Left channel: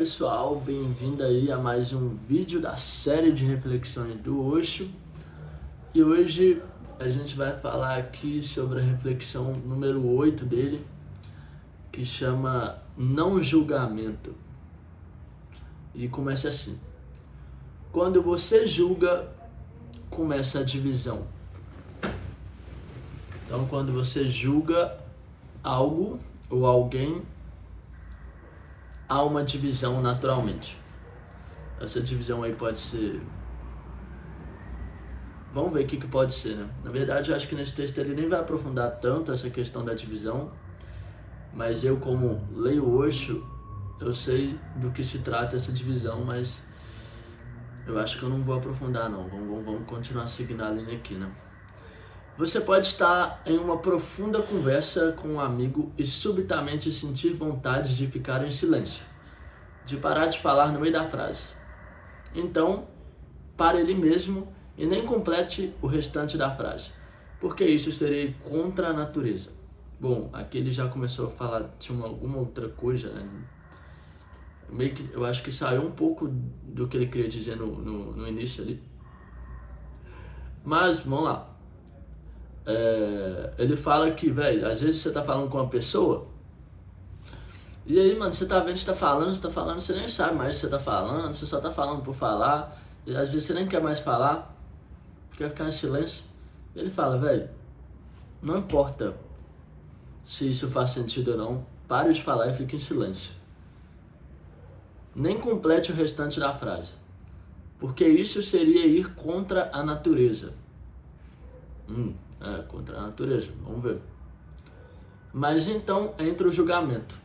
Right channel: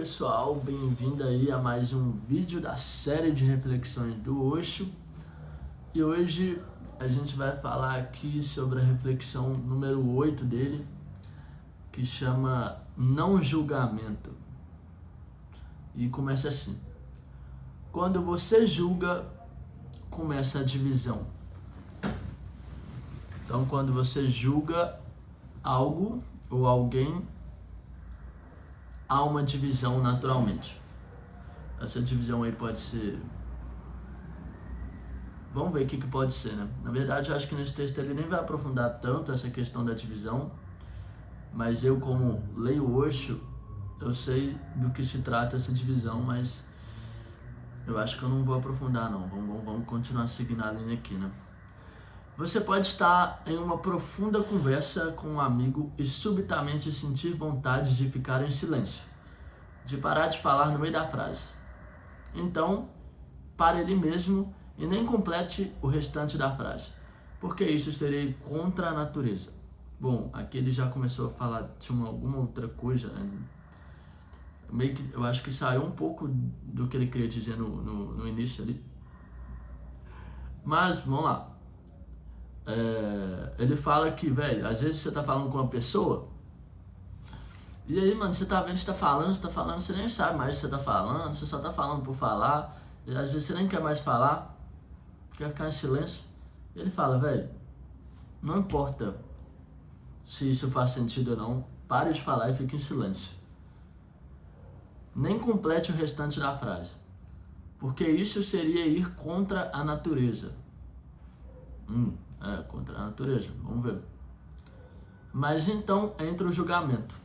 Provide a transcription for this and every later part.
pessoal, bem-vindo aí a mais um vídeo da série de reflexões do Osho. E hoje a gente vai falar aqui sobre a reflexão número 8 dele, que chama Não Julgamento. E começa assim: quando você julga, começa a divisão. Então, quando você julga algo ou alguém, há uma divisão naturalmente. Essa divisão aí pode ser... Vamos ver o que pode ser, né? Na verdade, eu acho que nesse texto ele nem vai aprofundar tanto essa questão da divisão, mas eu, como leio Osho, eu sei do que se trata essa divisão, mas eu acho que eu não vou aprofundar não. Vamos continuar seguindo a linha aqui, né? Você pode estar em uma profunda conversa com um amigo e subitamente sentir vontade de ficar em silêncio, de parar de falar no meio da frase. Então, pare ele mesmo e nem complete o restante da frase, porque isso seria contra a natureza. Bom, aqui ele já começou a falar de alguma outra coisa, né? Meio que eu acho que saiu um pouco do que ele queria dizer no início ali. Mas, vamos lá. Ele fala que, velho, às vezes você tá falando com uma pessoa e aí, mano, você tá vendo, você tá falando, você nem sabe mais o que você tá falando, você só tá falando por falar, e às vezes você nem quer mais falar, quer ficar em silêncio. Ele fala, velho, não importa se isso faz sentido ou não, pare de falar e fique em silêncio. Nem complete o restante da frase, porque isso seria ir contra a natureza. Contra a natureza, vamos ver. Mas então entra o julgamento.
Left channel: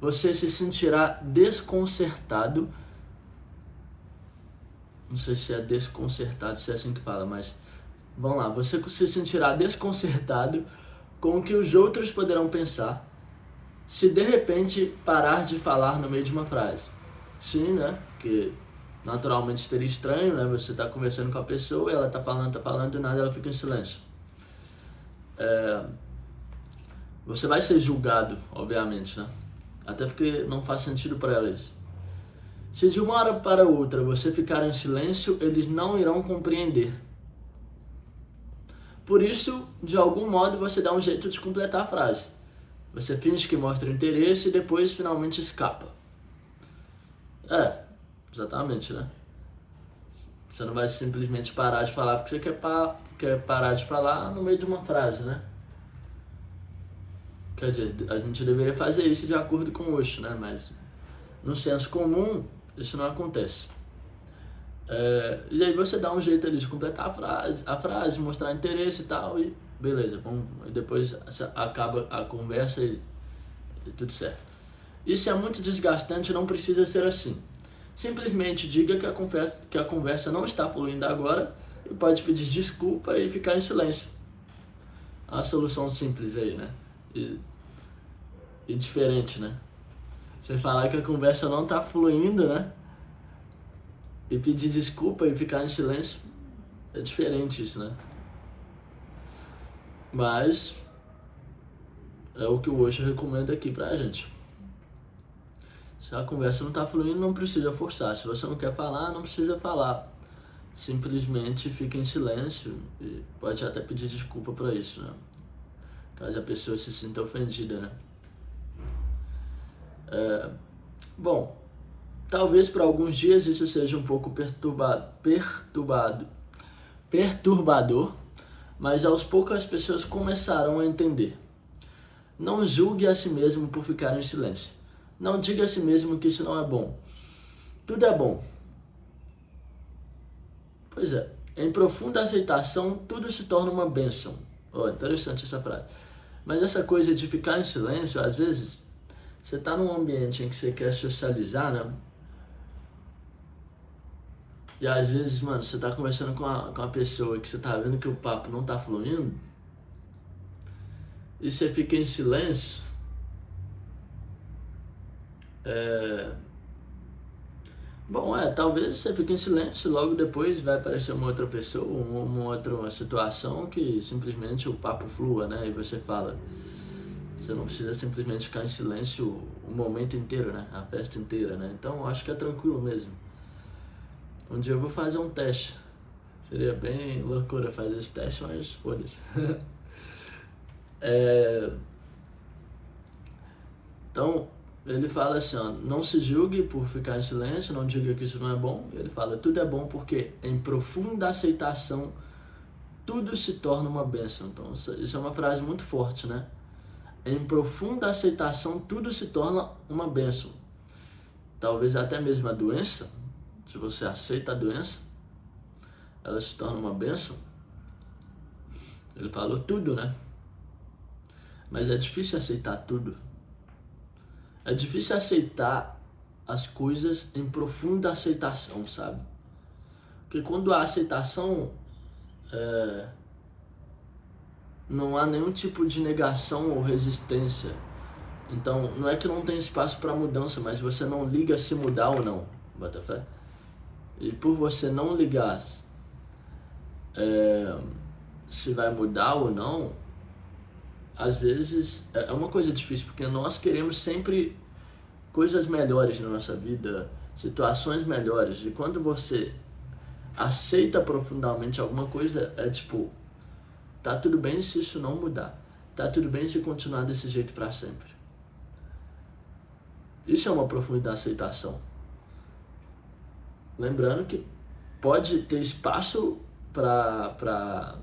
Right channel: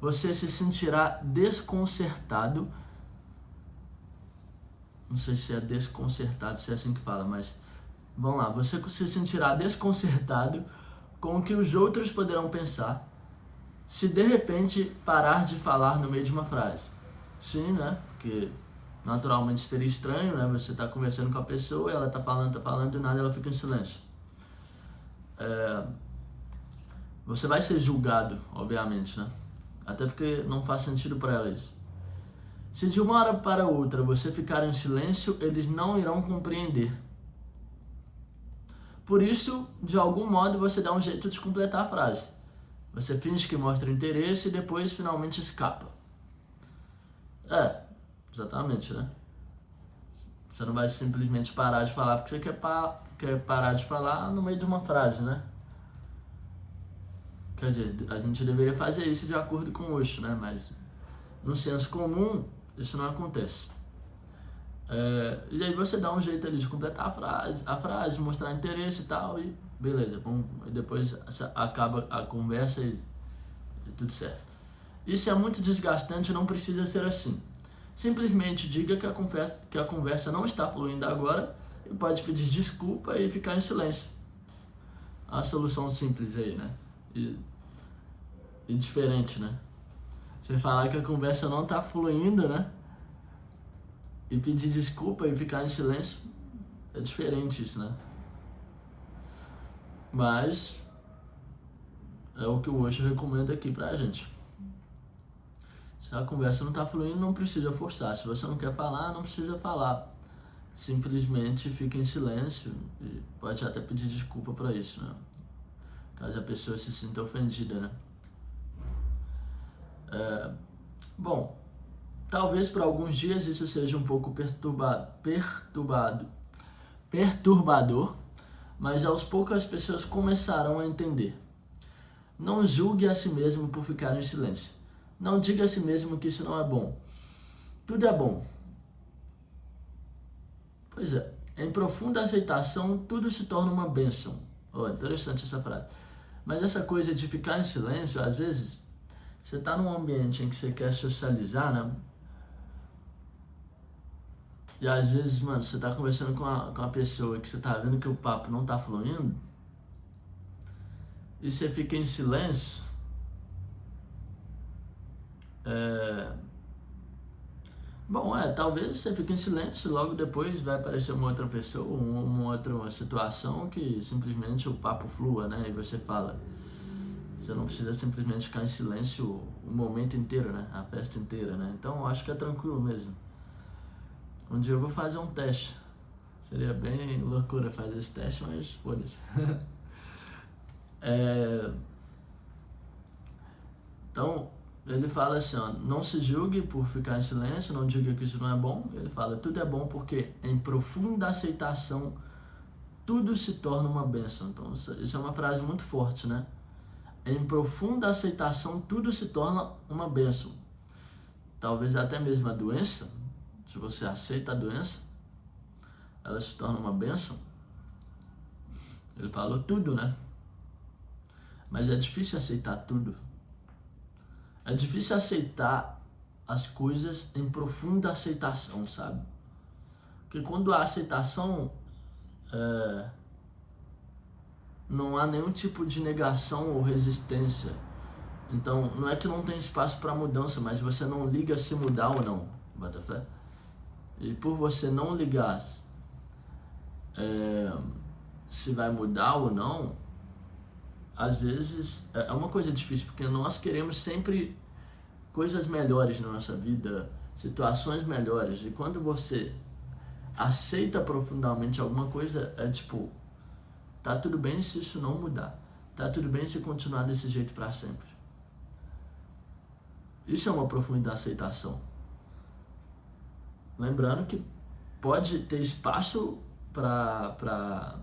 Você se sentirá desconcertado. Não sei se é desconcertado, se é assim que fala, mas vamos lá. Você se sentirá desconcertado com o que os outros poderão pensar se de repente parar de falar no meio de uma frase. Sim, né? Porque naturalmente seria estranho, né? Você tá conversando com a pessoa, ela tá falando e nada, ela fica em silêncio. Você vai ser julgado, obviamente, né? Até porque não faz sentido para ela isso. Se de uma hora para outra você ficar em silêncio, eles não irão compreender. Por isso, de algum modo, você dá um jeito de completar a frase. Você finge que mostra interesse e depois finalmente escapa. Exatamente, né? Você não vai simplesmente parar de falar porque você quer parar de falar no meio de uma frase, né? Quer dizer, a gente deveria fazer isso de acordo com o Osho, né? Mas no senso comum, isso não acontece. E aí você dá um jeito ali de completar a frase, mostrar interesse e tal, e beleza, e depois acaba a conversa e tudo certo. Isso é muito desgastante, não precisa ser assim. Simplesmente diga que a conversa não está fluindo agora e pode pedir desculpa e ficar em silêncio. A solução simples aí, né? E diferente, né? Você falar que a conversa não está fluindo, né? E pedir desculpa e ficar em silêncio, é diferente isso, né? Mas é o que o Osho recomenda aqui pra gente. Se a conversa não tá fluindo, não precisa forçar. Se você não quer falar, não precisa falar. Simplesmente fica em silêncio e pode até pedir desculpa pra isso, né? Caso a pessoa se sinta ofendida, né? Bom, talvez por alguns dias isso seja um pouco perturbador, mas aos poucos as pessoas começarão a entender. Não julgue a si mesmo por ficar em silêncio. Não diga a si mesmo que isso não é bom. Tudo é bom. Pois é, em profunda aceitação, tudo se torna uma bênção. Interessante essa frase. Mas essa coisa de ficar em silêncio, às vezes, você está num ambiente em que você quer socializar, né? E às vezes, mano, você tá conversando com a pessoa que você tá vendo que o papo não tá fluindo, e você fica em silêncio, talvez você fique em silêncio, logo depois vai aparecer uma outra pessoa, uma outra situação que simplesmente o papo flua, né? E você fala, Você não precisa simplesmente ficar em silêncio o momento inteiro, né? A festa inteira, né? Então eu acho que é tranquilo mesmo. Um dia eu vou fazer um teste. Seria bem loucura fazer esse teste, mas foda-se. Então, ele fala assim, ó, não se julgue por ficar em silêncio, não diga que isso não é bom. Ele fala, tudo é bom porque em profunda aceitação tudo se torna uma bênção. Então, isso é uma frase muito forte, né? Em profunda aceitação tudo se torna uma bênção. Talvez até mesmo a doença, se você aceita a doença, ela se torna uma bênção. Ele falou tudo, né? Mas é difícil aceitar tudo. É difícil aceitar as coisas em profunda aceitação, sabe? Porque quando há aceitação, não há nenhum tipo de negação ou resistência. Então, não é que não tem espaço para mudança, mas você não liga se mudar ou não. Bota fé? E por você não ligar se vai mudar ou não, às vezes é uma coisa difícil, porque nós queremos sempre coisas melhores na nossa vida, situações melhores. E quando você aceita profundamente alguma coisa, é tipo, tá tudo bem se isso não mudar. Tá tudo bem se continuar desse jeito para sempre. Isso é uma profunda aceitação. Lembrando que pode ter espaço para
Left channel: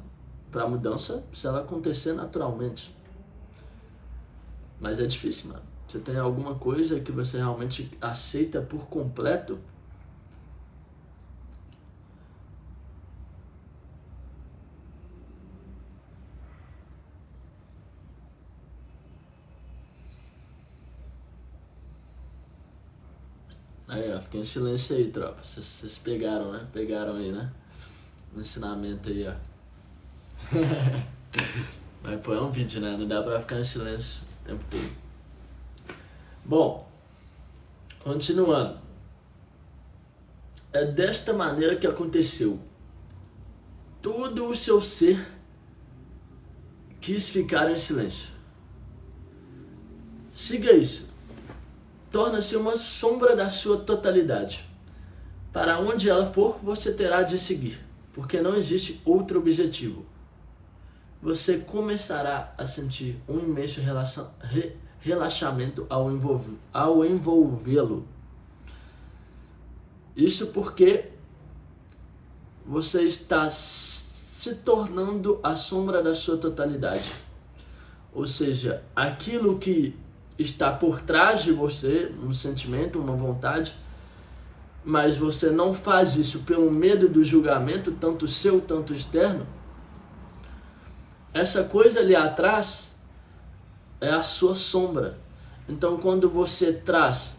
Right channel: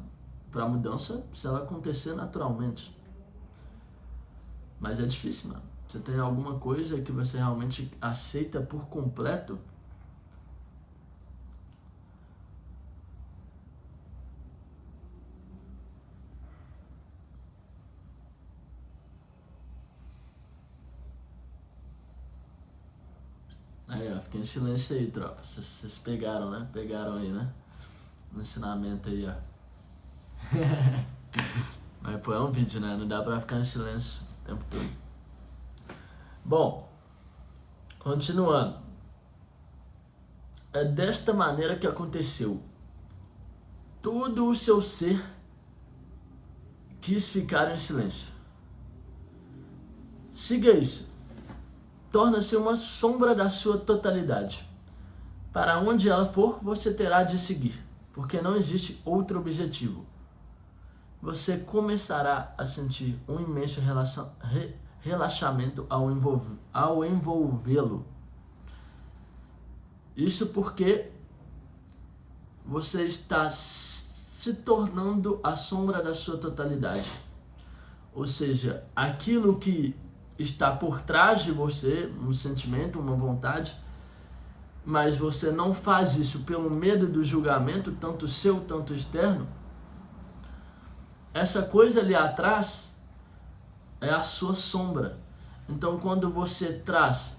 mudança se ela acontecer naturalmente. Mas é difícil, mano. Você tem alguma coisa que você realmente aceita por completo? Aí, ó, fiquei em silêncio aí, tropa. Vocês pegaram, né? Pegaram aí, né? O ensinamento aí, ó. Mas, pô, é um vídeo, né? Não dá pra ficar em silêncio o tempo todo. Bom, continuando. É desta maneira que aconteceu. Todo o seu ser quis ficar em silêncio. Siga isso. Torna-se uma sombra da sua totalidade. Para onde ela for, você terá de seguir, porque não existe outro objetivo. Você começará a sentir um imenso relaxamento ao envolvê-lo. Isso porque você está se tornando a sombra da sua totalidade. Ou seja, aquilo que está por trás de você, um sentimento, uma vontade, mas você não faz isso pelo medo do julgamento, tanto seu, tanto externo, essa coisa ali atrás é a sua sombra. Então, quando você traz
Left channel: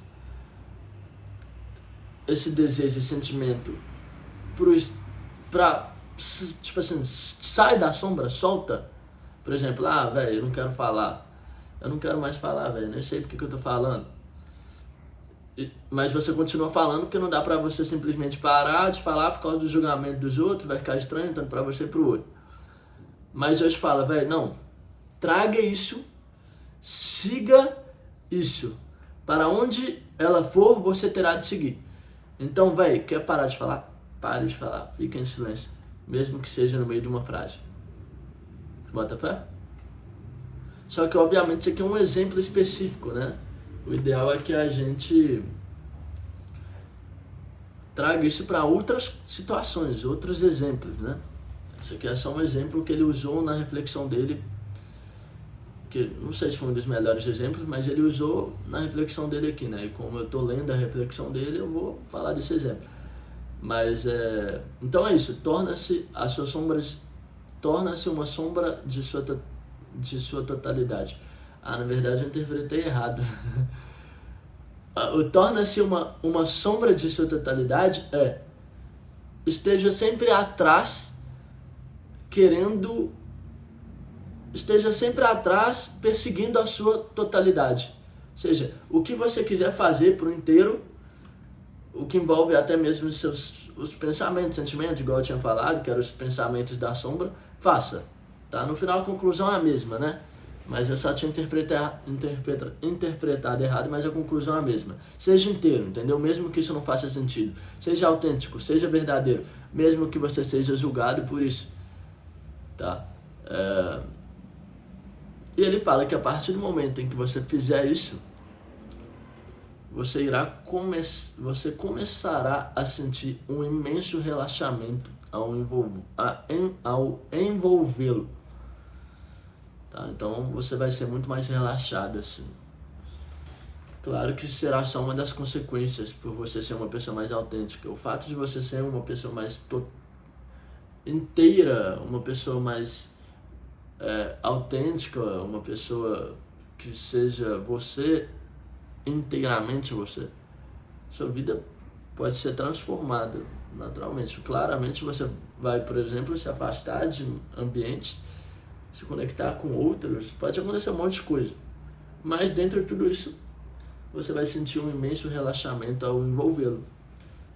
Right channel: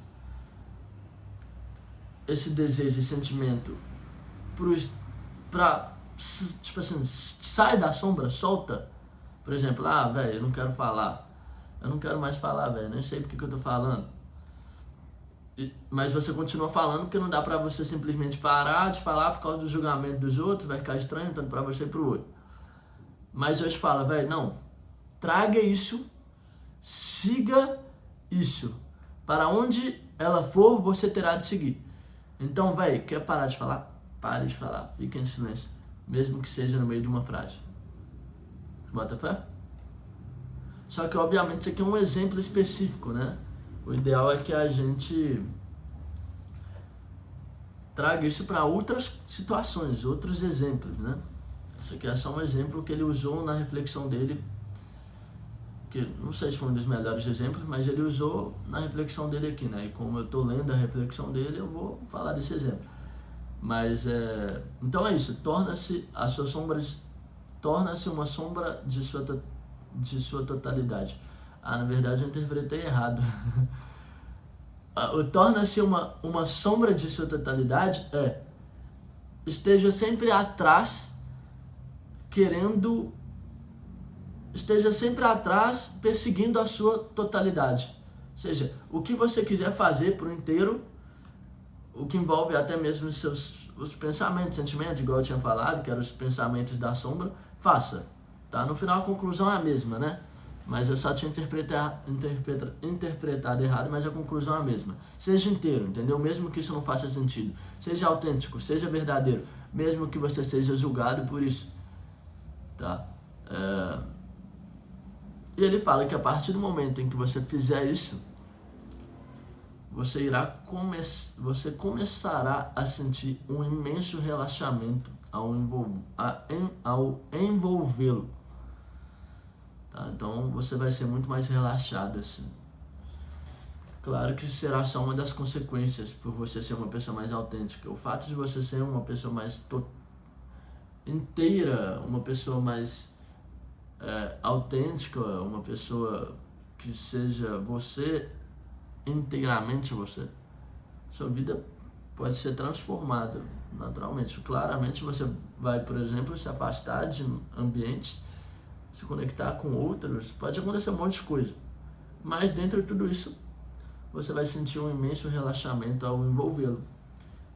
esse desejo, esse sentimento pra tipo assim, sai da sombra, solta. Por exemplo, velho, eu não quero falar. Eu não quero mais falar, velho, nem sei porque que eu tô falando. Mas você continua falando porque não dá pra você simplesmente parar de falar por causa do julgamento dos outros, vai ficar estranho tanto pra você e pro outro. Mas Deus fala, velho, não, traga isso, siga isso. Para onde ela for, você terá de seguir. Então, velho, quer parar de falar? Pare de falar, fica em silêncio, mesmo que seja no meio de uma frase. Bota fé? Só que, obviamente, isso aqui é um exemplo específico, né? O ideal é que a gente traga isso para outras situações, outros exemplos, né? Isso aqui é só um exemplo que ele usou na reflexão dele, que não sei se foi um dos melhores exemplos, mas ele usou na reflexão dele aqui, né? E como eu tô lendo a reflexão dele, eu vou falar desse exemplo. Mas, então é isso, torna-se uma sombra de sua totalidade. Na verdade eu interpretei errado. O torna-se uma sombra de sua totalidade esteja sempre atrás, perseguindo a sua totalidade. Ou seja, o que você quiser fazer por inteiro, o que envolve até mesmo os pensamentos, sentimentos, igual eu tinha falado, que eram os pensamentos da sombra, faça. Tá? No final a conclusão é a mesma, né? mas eu só tinha interpretado errado, mas a conclusão é a mesma. Seja inteiro, entendeu? Mesmo que isso não faça sentido. Seja autêntico, seja verdadeiro, mesmo que você seja julgado por isso, tá? E ele fala que a partir do momento em que você fizer isso, você começará a sentir um imenso relaxamento ao envolvê-lo. Tá? Então você vai ser muito mais relaxado assim. Claro que será só uma das consequências por você ser uma pessoa mais autêntica. O fato de você ser uma pessoa mais inteira, uma pessoa mais autêntica, uma pessoa que seja você, inteiramente você, sua vida pode ser transformada naturalmente. Claramente você vai, por exemplo, se afastar de ambientes, se conectar com outros, pode acontecer um monte de coisa, mas dentro de tudo isso você vai sentir um imenso relaxamento ao envolvê-lo.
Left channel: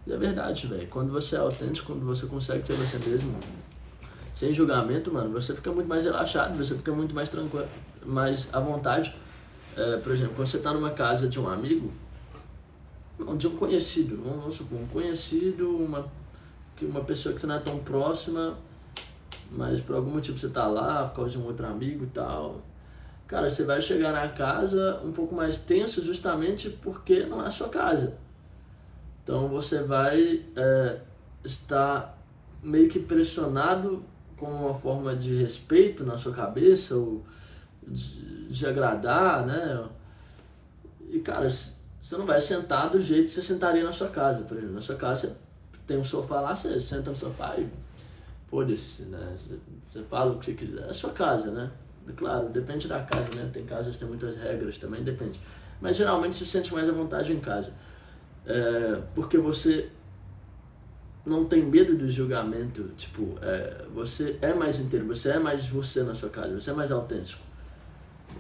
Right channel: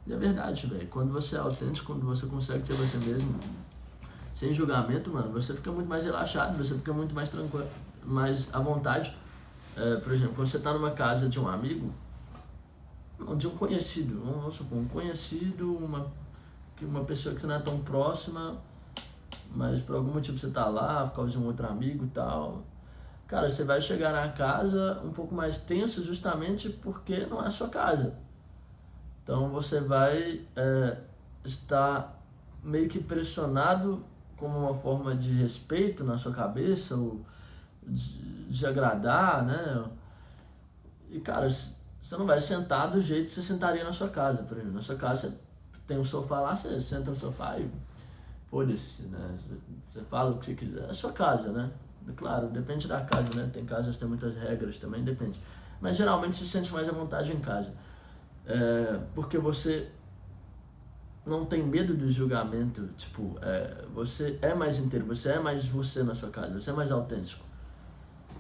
E é verdade, velho, quando você é autêntico, quando você consegue ser você mesmo, sem julgamento, mano, você fica muito mais relaxado, você fica muito mais tranquilo, mais à vontade. Por exemplo, quando você tá numa casa de um amigo, não, de um conhecido, vamos supor, um conhecido, uma pessoa que você não é tão próxima, mas por algum motivo você tá lá, por causa de um outro amigo e tal. Cara, você vai chegar na casa um pouco mais tenso justamente porque não é a sua casa. Então você vai estar meio que pressionado com uma forma de respeito na sua cabeça, ou de agradar, né? E cara, você não vai sentar do jeito que você sentaria na sua casa. Por exemplo, na sua casa você tem um sofá lá, você senta no sofá e foda-se, né? Você fala o que você quiser. É a sua casa, né? Claro, depende da casa, né? Tem casas que tem muitas regras também, depende. Mas geralmente você se sente mais à vontade em casa. Porque você não tem medo do julgamento, tipo, você é mais inteiro, você é mais você na sua casa, você é mais autêntico.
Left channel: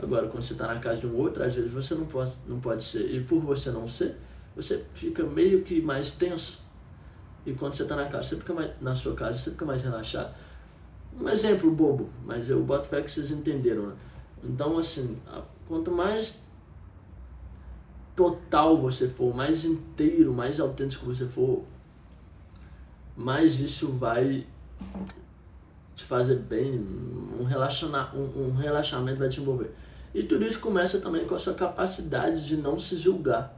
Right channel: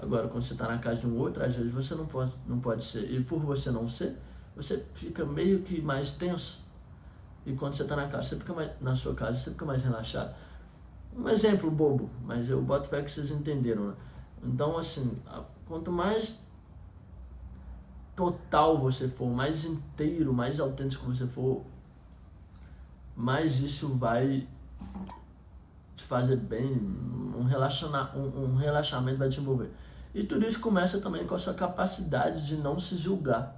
Agora, quando você está na casa de um outro, às vezes você não pode ser, e por você não ser, você fica meio que mais tenso. E quando você está na sua casa, você fica mais relaxado. Um exemplo bobo, mas eu boto fé que vocês entenderam, né? Então, assim, quanto mais total você for, mais inteiro, mais autêntico você for, mais isso vai te fazer bem, um relaxamento vai te envolver. E tudo isso começa também com a sua capacidade de não se julgar.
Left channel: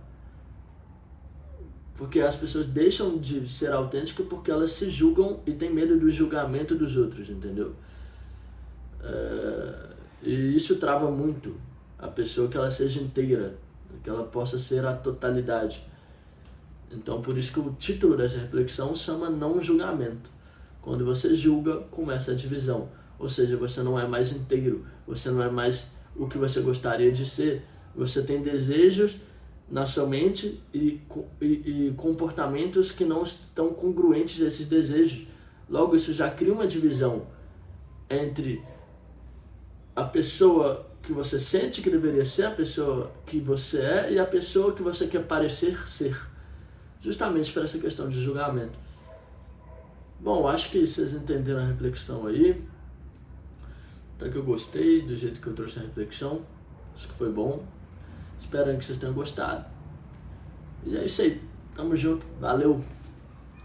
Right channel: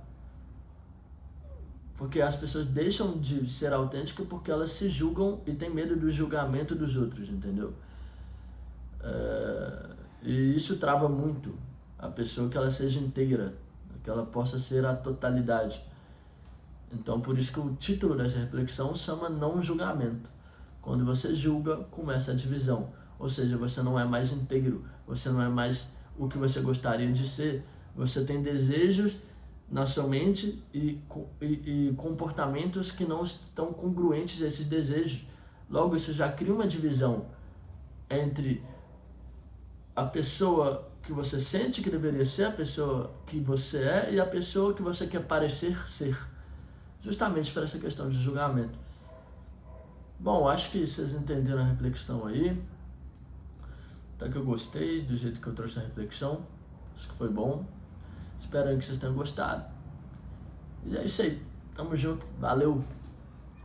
Porque as pessoas deixam de ser autênticas porque elas se julgam e têm medo do julgamento dos outros, entendeu? E isso trava muito a pessoa, que ela seja inteira, que ela possa ser a totalidade. Então, por isso que o título dessa reflexão chama não julgamento. Quando você julga, começa a divisão. Ou seja, você não é mais inteiro, você não é mais o que você gostaria de ser. Você tem desejos na sua mente e comportamentos que não estão congruentes a esses desejos. Logo, isso já cria uma divisão entre a pessoa que você sente que deveria ser, a pessoa que você é e a pessoa que você quer parecer ser. Justamente por essa questão de julgamento. Bom, acho que vocês entenderam a reflexão aí. Até que eu gostei do jeito que eu trouxe a reflexão. Acho que foi bom. Espero que vocês tenham gostado. E é isso aí. Tamo junto. Valeu!